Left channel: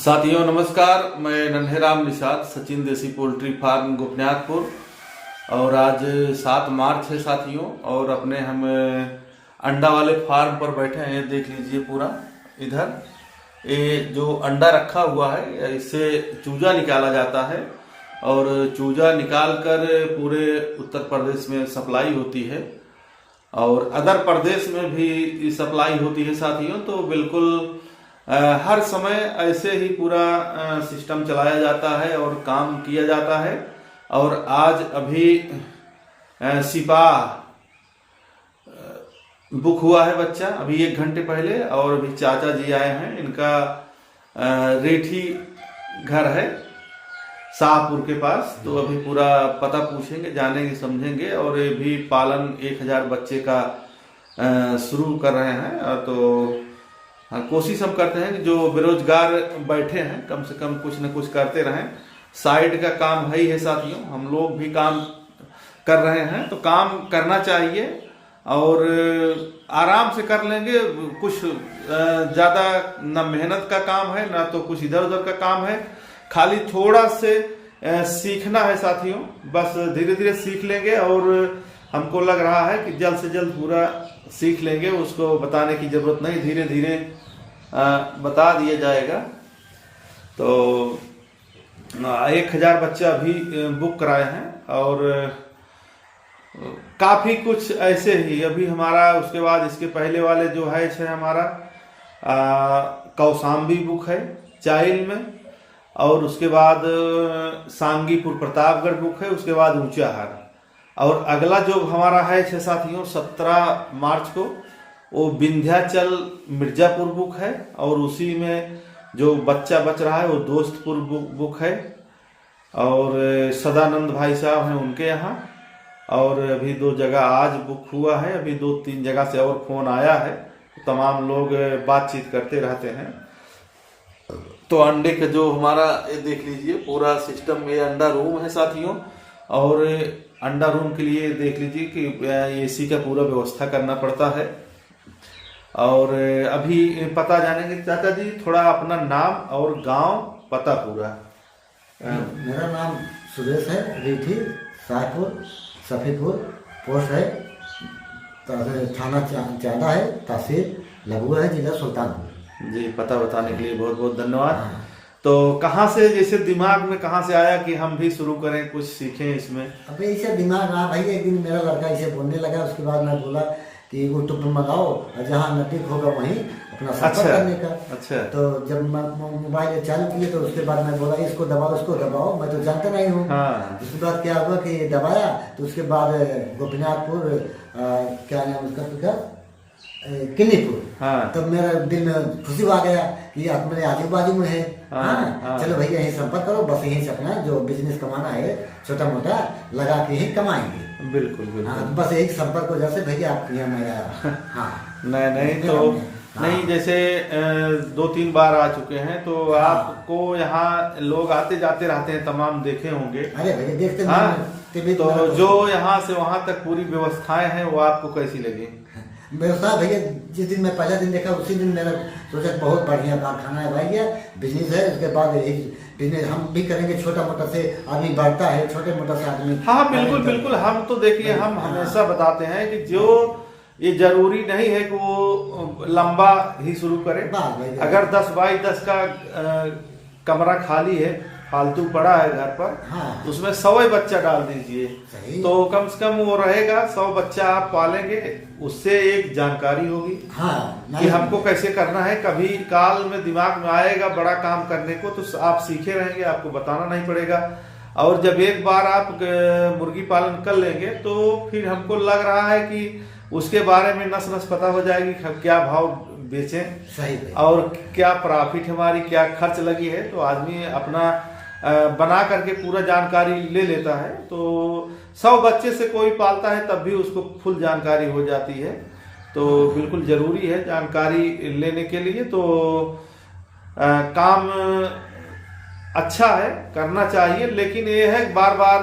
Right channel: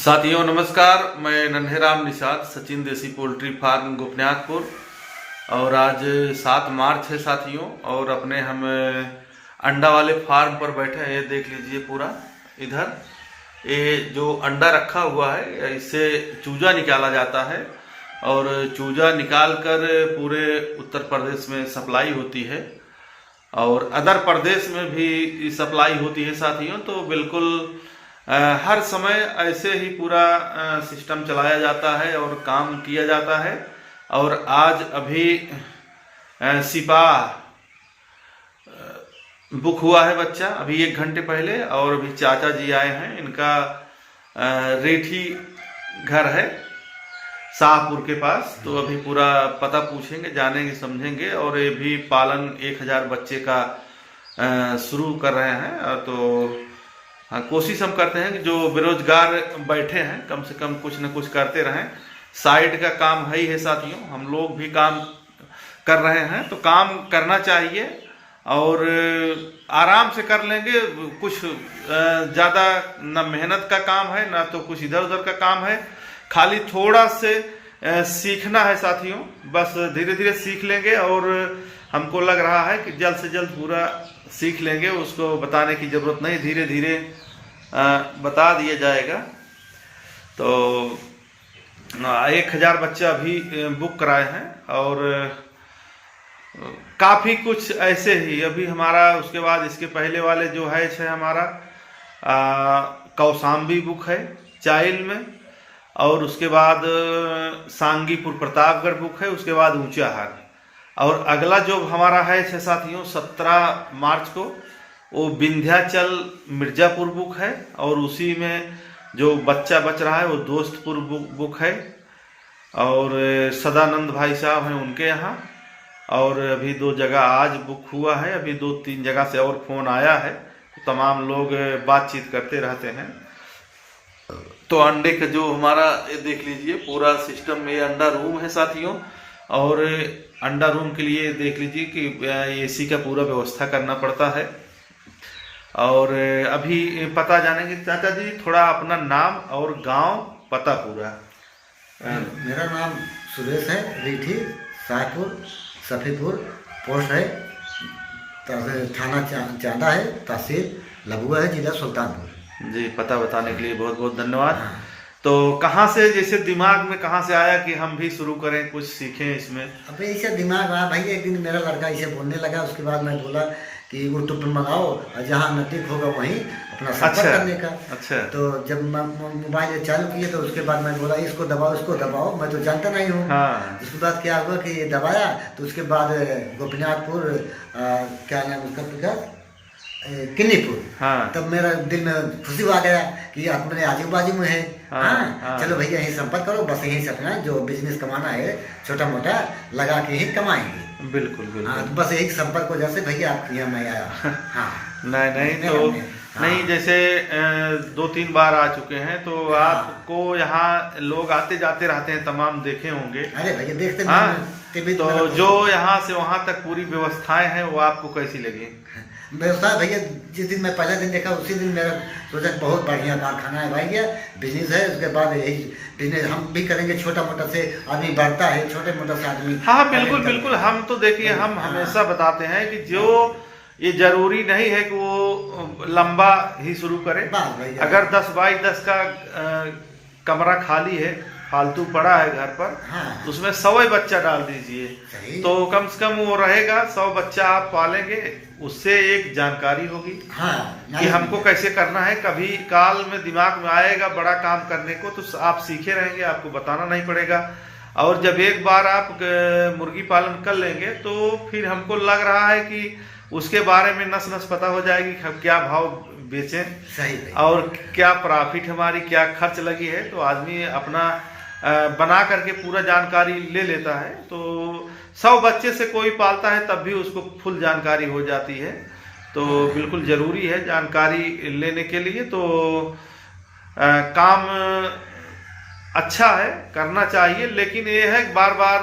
साथियों नमस्कार, मैं नन्हेराम निषाद, सचिन देसी पोल्ट्री फार्म गोपनीयतपुर। और आज 7 मार्च है साथियों, और अपने हम अंडा वाले फार्म पर बैठे हैं। देख लीजिए पूरा इधर ये जो अंडा रखा हुआ है, इससे चूजा निकाला जाता है और चूजा निकाल कर पूरे उत्तर प्रदेश में सप्लाई होती है और अदर प्रदेश में भी सप्लाई होती है साथियों। तो बिल्कुल हर समय ऐसे ही पूरा सिस्टम चलाया जाता है और काम किया जाता है। और आज अभी सिपाह बुक हुआ है बच्चा अभी 1 घंटे पहले, और अभी चाचा जी आए हैं। इनका रेठी घर है शाहपुर के पास, तो अभी पूरा पता पूछेंगे, जानेंगे, समझेंगे। और ये भी पालन 1000 बच्चे का शुरू कर रहे हैं। तो हाँ, कोशिश हम करते हैं कि जो बेरोजगार बैठे हैं कम से कम कुछ न कुछ करते रहें। साइड का काम है ही है साथियों, हम लोग भी काम कर रहे हैं, तो काम करना चाहिए और आराम से कर लेंगे। कुछ ज्यादा न मेहनत का काम है, ना तो कुछ इधर उधर का काम है, खाली थोड़ा से सीखना है साथियों। बस धीरे धीरे सीख लेंगे और हमको लग रहा है कि जल्द से जल्द पूरा सीख लेंगे। उसको बताने की जरूरत नहीं, धीरे धीरे बता दिया जाएगा। तो 1000 बच्चा अभी बुक कराए हैं और काफी कुछ ऐसे ही अभी हमारा। उसके बाद इसके पहले वाले जो है हमारा कौसाम्बी बुक है चाइल में, और उसके बाद सांगीपुर प्रतापगढ़ बुक है, उसके बाद ऊंचाहार। और अगला जो हमारा है साथियों 17 मार्च को वो विंध्याचल मिर्जापुर बुक है, और उसी में जो बच्चा बच रहा है वो दोस्तपुर बुक है, और सदानंद भाई साहब हैं उनके यहाँ। और अभी 2 जगह आज बुक हुआ है, अभी 2-3 जगह से और फोन आया है। तो तमाम लोग बातचीत करते रहते हैं। तो अंडे का जो हमारा ये देख लीजिए पूरा सिस्टम, ये अंडा रूम है साथियों। और अंडा रूम के लिए देख लीजिए कि एसी का पूरा व्यवस्था करना पड़ता है। और अभी पता जानेंगे चाचा जी, थोड़ा अपना नाम और गांव पता पूरा। मेरा नाम सुरेश है, रीठी, शाहपुर, सफीपुर, पोस्ट है, थाना चांदा है, तहसील लबुआ है, जिला सुल्तानपुर। जी, पता बताने के लिए बहुत बहुत धन्यवाद। हाँ। तो कहाँ से, जैसे दिमाग में कहाँ से आया कि हम भी शुरू करें, कुछ सीखें इसमें? अबे ऐसा दिमाग आया भाई, एक दिन मेरा लड़का इसे बोलने लगा। उसके बाद मैं बोला कि यूट्यूब पर मंगाओ और जहाँ नजदीक होगा वहीं अपना सफर करने का। अच्छा। तो जब मोबाइल चालू किए तो उसके बाद मैं बोला इसको दबाओ, उसको दबाओ, मैं तो जानता नहीं हूँ। हाँ। उसके बाद क्या हुआ कि ये दबाया, तो उसके बाद गोपनीयतपुर क्या नाम उसका, किन्नीपुर। हाँ। तब मेरा दिल में खुशी आ गया कि अपने आजू बाजू में है। हाँ। चलो भैया यही संपर्क करो, बस यही सपना जो बिजनेस कमाना है छोटा मोटा लगा के ही कमाएंगे। बिल्कुल बिल्कुल। हाँ, तो बस एक संपर्क वजह से भैया आपके यहाँ मैं आया। हाँ। नहीं तो नहीं, जैसे 2-3 बार आ चुके हैं तो हाँ। आपको यहाँ लोग आते जाते रहते हैं, तमाम देखे होंगे। अरे भैया देखते हैं। हाँ। तो जो यहाँ से वहाँ तक पूरी व्यवस्थाएं हैं वो आपको कैसी लगी? व्यवस्था भैया जिस दिन मैं पहला दिन देखा उसी दिन मेरा सोचा बहुत बढ़िया कारखाना है भाई, बिजनेस है। उसके बाद यही बिजनेस हम भी करेंगे, छोटा मोटा से आदमी बढ़ता है, छोटे मोटा से आदमी। हाँ बिल्कुल बिल्कुल। हम तो देखिए, हम हमेशा बताते हैं कि जो ये जरूरी नहीं है कि वो लंबा ही शुरू करे। अगर 10 बाई 10 का कमरा खाली है, फालतू पड़ा है घर पर, हाँ। तो उसमें 100 बच्चा डाल दीजिए, तो कम से कम वो रहेगा। 100 बच्चा आप पालेंगे, उससे एक जानकारी होगी। हाँ। कि हमको कैसे करना है। कभी काल में दिमाग में आएगा बड़ा काम करने को, तो आप सीखे रहेंगे, आपको बताना नहीं पड़ेगा। और जब एक बार आप मुर्गी पालन कर लेंगे तो फिर हमको लग रहा है कि उसके बारे में नस नस पता हो जाएगी, क्या भाव बेचें, सही और क्या प्रॉफिट हमारी, क्या खर्च लगी है। तो आदमी अपना बना करके पूरा जानकारी ले लेता है। तो 100 बच्चे से कोई पालता है तब भी उसको फुल जानकारी हो जाती है। तो बिल्कुल जरूरी है जानकारी लेने के लिए। तो काम अच्छा है, करना चाहिए, लेकिन ये है बार बार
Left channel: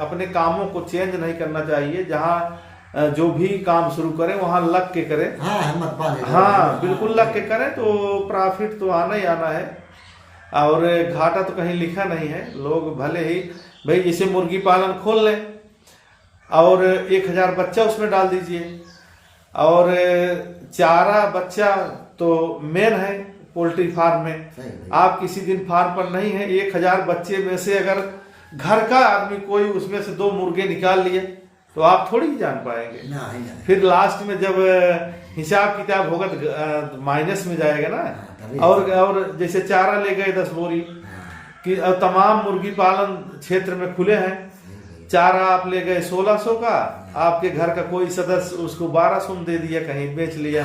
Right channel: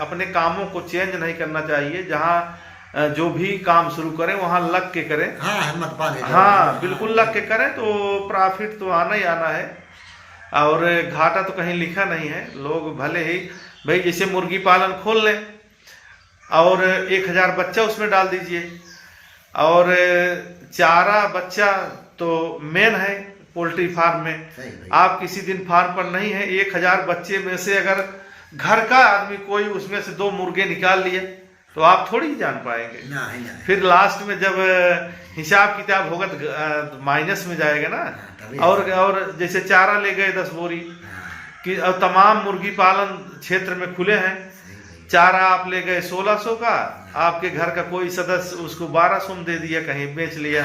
अपने कामों को चेंज नहीं करना चाहिए। जहाँ जो भी काम शुरू करें वहां लग के करें। हाँ, हिम्मत पाले। हाँ बिल्कुल, लग के करें तो प्रॉफिट तो आना ही आना है। और घाटा तो कहीं लिखा नहीं है। लोग भले ही भाई जैसे मुर्गी पालन खोल लें और 1000 बच्चा उसमें डाल दीजिए, और चारा बच्चा तो मेन है पोल्ट्री फार्म में। आप किसी दिन फार्म पर नहीं है, 1000 बच्चे में से अगर घर का आदमी कोई उसमें से 2 मुर्गे निकाल लिए तो आप थोड़ी जान पाएंगे। नहीं। फिर लास्ट में जब हिसाब किताब होगा तो माइनस में जाएगा ना। और जैसे चारा ले गए 10 बोरी कि अब तमाम मुर्गी पालन क्षेत्र में खुले हैं, चारा आप ले गए 1600 का, आपके घर का कोई सदस्य उसको 1200 में दे दिया, कहीं बेच लिया।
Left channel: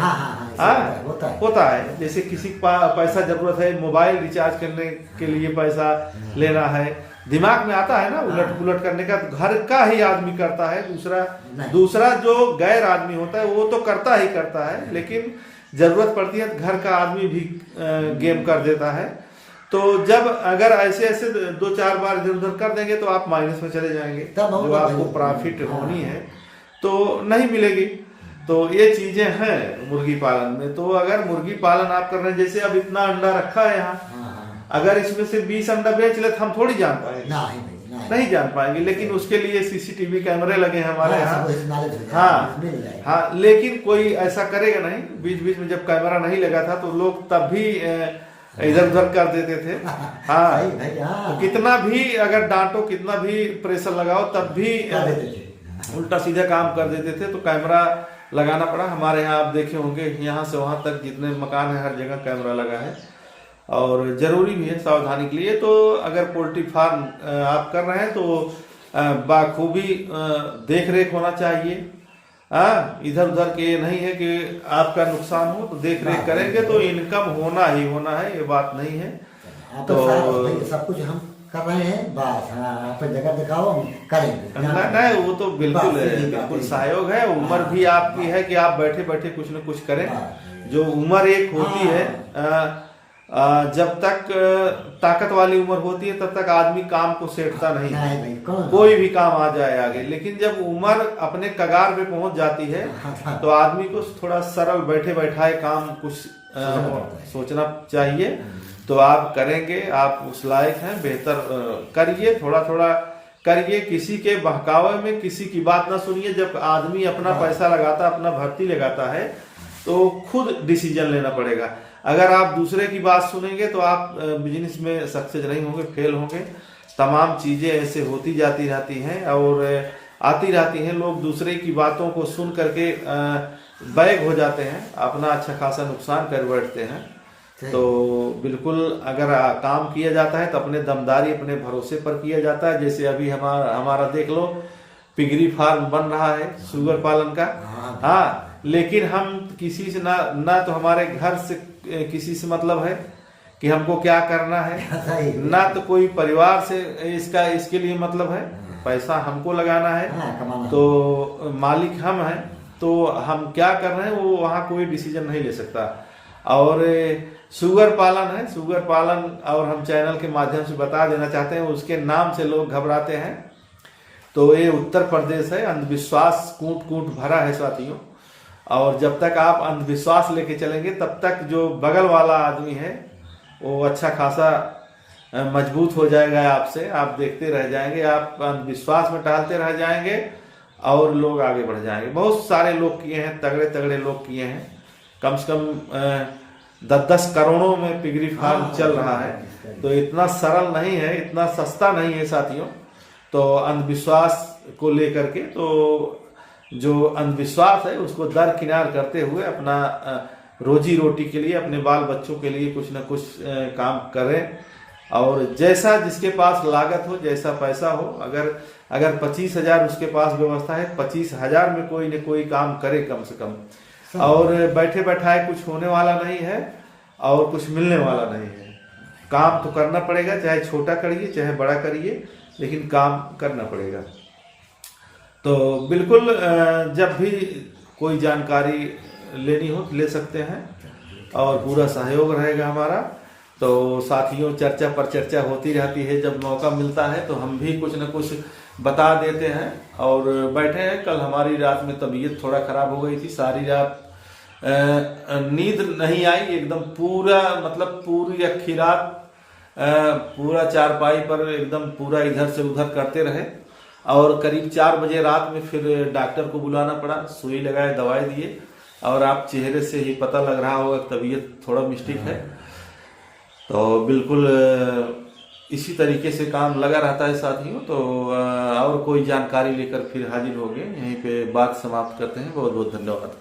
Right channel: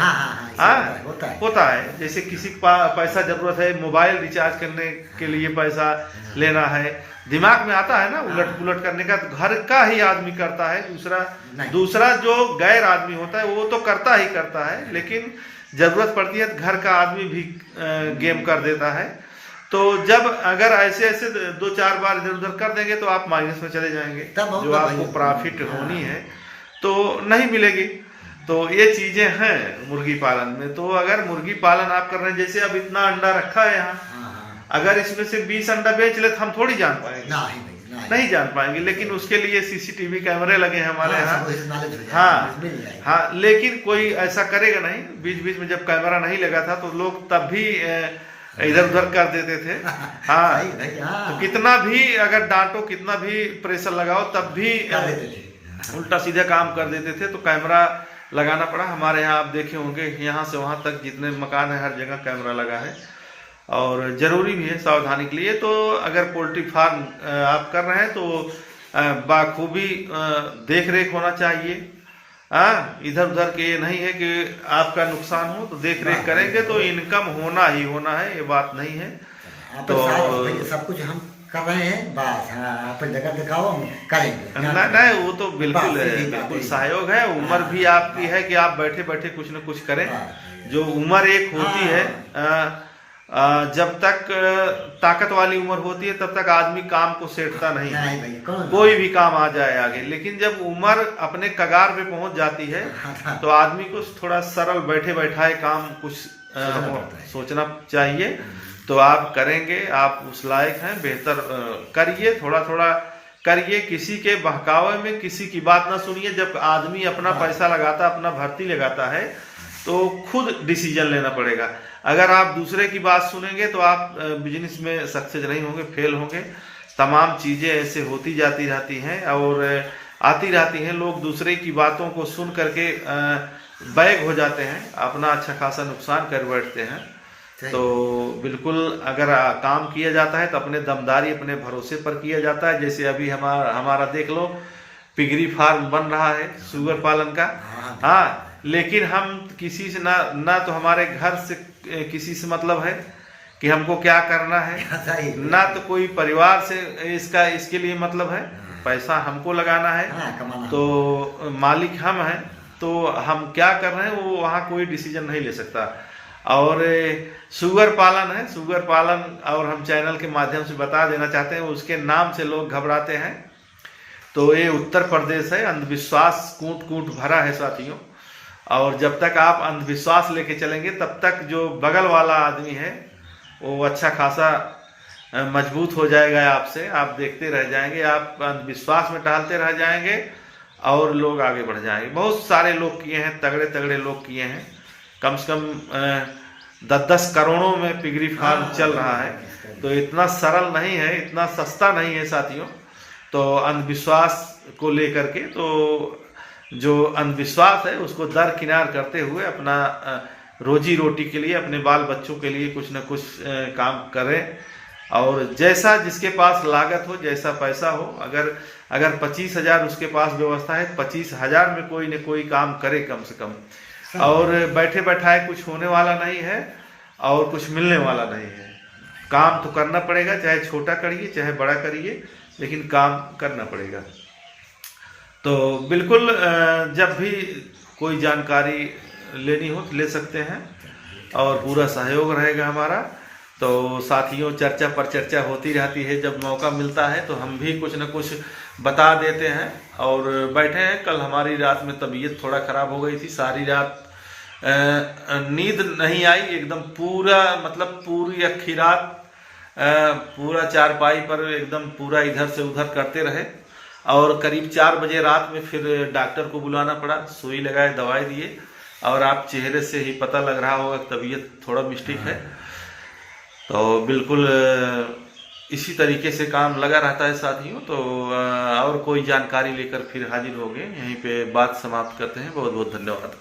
होता है। जैसे किसी को पैसा जरूरत है, मोबाइल रिचार्ज करने के लिए पैसा लेना है, दिमाग में आता है ना उलट पुलट करने का, तो घर का ही आदमी करता है। दूसरा जो गैर आदमी होता है वो तो करता ही करता है, लेकिन जरूरत पड़ती है तो घर का आदमी भी गेम कर देता है। तो जब अगर ऐसे 2-4 बार इधर उधर कर देंगे तो आप माइनस में चले जाएंगे, जो आपको प्रॉफिट होनी है तो नहीं मिलेगी। तो ये चीजें हैं मुर्गी पालन में। तो अगर मुर्गी पालन आप कर रहे हैं, जैसे अब इतना अंडा रखा है यहाँ, अगर इसमें से 20 अंडा बेच ले तो हम थोड़ी जान पाएंगे, नहीं जान पाएंगे। लेकिन उसके लिए सीसीटीवी कैमरे लगे हैं हमारे यहाँ। हाँ, लेकिन कोई ऐसा करेगा नहीं। बीच बीच में जब कैमरा नहीं लगा था तो लोग तब भी इधर उधर कर देते थे। हाँ, तो कितना भी अगर डांटो, कितना भी प्रेशर लगाओ, तब भी उल्टा सीधा काम कर देते थे। तो कैमरा लगाना पड़ा। हमारे यहाँ आप देखे होंगे, यहाँ से वहां तक जितने मकान है हर जगह कैमरा लगा है, और जरूरी भी है सावधानी के लिए। तो अगर पोल्ट्री फार्म आप कर रहे हैं तो बाखूबी देख रेख होना चाहिए। इधर उधर के ये नहीं है कि आपका नुकसान हो, तो देख रेख करेंगे तो इनकम होना ही होना है, ये बात नहीं है। तो सब कुछ हम कर रहे हैं, बस आप जगह दिखाओ, हम करेंगे। नहीं, वो तो बिल्कुल सहयोग है। उम्र भी आपकी है कि आप बैठे बैठे कुछ न कुछ करें। जो उम्र एक होती है, जब तक ताकत वाली उम्र होती है तब तक आदमी काम को सेठता नहीं कोई भी काम आ जाए आगे। लेकिन जब उम्र अपने कगार पे पहुंच जाती है तो आदमी को थोड़ा सरल बैठे बैठाए काम कुछ सोचना चाहिए। तो आप करेंगे, आप उस लायक हैं, बेहतर करिए, थोड़ा थोड़ा करिए। किसी के बहकावे में किसी की बात ना सुनिए। जब आदमी अपना पैसा लगाता, अपना भर्ती लगाता है, तो खुद डिसीजन लेना पड़ेगा। अगर आप दूसरे की बात सुनेंगे तो आप बिजनेस में सक्सेस नहीं होंगे, फेल होंगे। तमाम चीजें ऐसे होती जाती रहती हैं और आती रहती हैं। लोग दूसरे की बातों को सुन करके बैग हो जाते हैं, अपना अच्छा खासा नुकसान कर बैठते हैं। तो बिल्कुल अगर काम किया जाता है तो अपने दमदारी, अपने भरोसे पर किया जाता है। जैसे अभी हमारा देख लो, पिगरी फार्म बन रहा है सुगर पालन का। हाँ, लेकिन हम किसी से ना तो हमारे घर से किसी से मतलब है कि हमको क्या करना है, ना तो कोई परिवार से इसके लिए मतलब है। पैसा हमको लगाना है, तो मालिक हम हैं। तो हम क्या कर रहे हैं वो वहाँ कोई डिसीजन नहीं ले सकता। और सुगर पालन है, सुगर पालन, और हम चैनल के माध्यम से बता देना चाहते हैं, उसके नाम से लोग घबराते हैं। तो ये उत्तर प्रदेश है, अंधविश्वास कूट कूट भरा है साथियों। और जब तक आप अंधविश्वास लेके चलेंगे तब तक जो बगल वाला आदमी है वो अच्छा खासा मजबूत हो जाएगा आपसे। आप देखते रह जाएंगे, आप अंधविश्वास में टहलते रह जाएंगे और लोग आगे बढ़ जाएंगे। बहुत सारे लोग किए हैं, तगड़े तगड़े लोग किए हैं। कम से कम 10-10 करोड़ों में पिगरी फार्म चल रहा है। तो इतना सरल नहीं है, इतना सस्ता नहीं है साथियों। तो अंधविश्वास को लेकर के, तो जो अंधविश्वास है उसको दरकिनार करते हुए अपना रोजी रोटी के लिए, अपने बाल बच्चों के लिए कुछ न कुछ काम करें। और जैसा जिसके पास लागत हो, जैसा पैसा हो, अगर 25,000 उसके पास व्यवस्था है, 25,000 में कोई न कोई काम करे कम से कम। और बैठे बैठाए कुछ होने वाला नहीं है और कुछ मिलने वाला नहीं है। काम तो करना पड़ेगा, चाहे छोटा करिए चाहे बड़ा करिए, लेकिन काम करना पड़ेगा। तो बिल्कुल जब भी कोई जानकारी लेनी हो तो ले सकते हैं और पूरा सहयोग रहेगा हमारा। तो साथियों, चर्चा पर चर्चा होती रहती है। जब मौका मिलता है तो हम भी कुछ न कुछ बता देते हैं और बैठे हैं। कल हमारी रात में तबीयत थोड़ा खराब हो गई थी, सारी रात नींद नहीं आई एकदम, पूरा मतलब पूरी अक्खी रात पूरा चारपाई पर एकदम पूरा इधर से उधर करते रहे और करीब 4 बजे रात में फिर डॉक्टर को बुलाना पड़ा, सुई लगाए, दवाई दिए और आप चेहरे से ही पता लग रहा होगा तबीयत थोड़ा मिस्टेक है। तो बिल्कुल इसी तरीके से काम लगा रहता है साथियों। तो और कोई जानकारी लेकर फिर हाजिर होंगे, यहीं पे बात समाप्त करते हैं। बहुत बहुत धन्यवाद।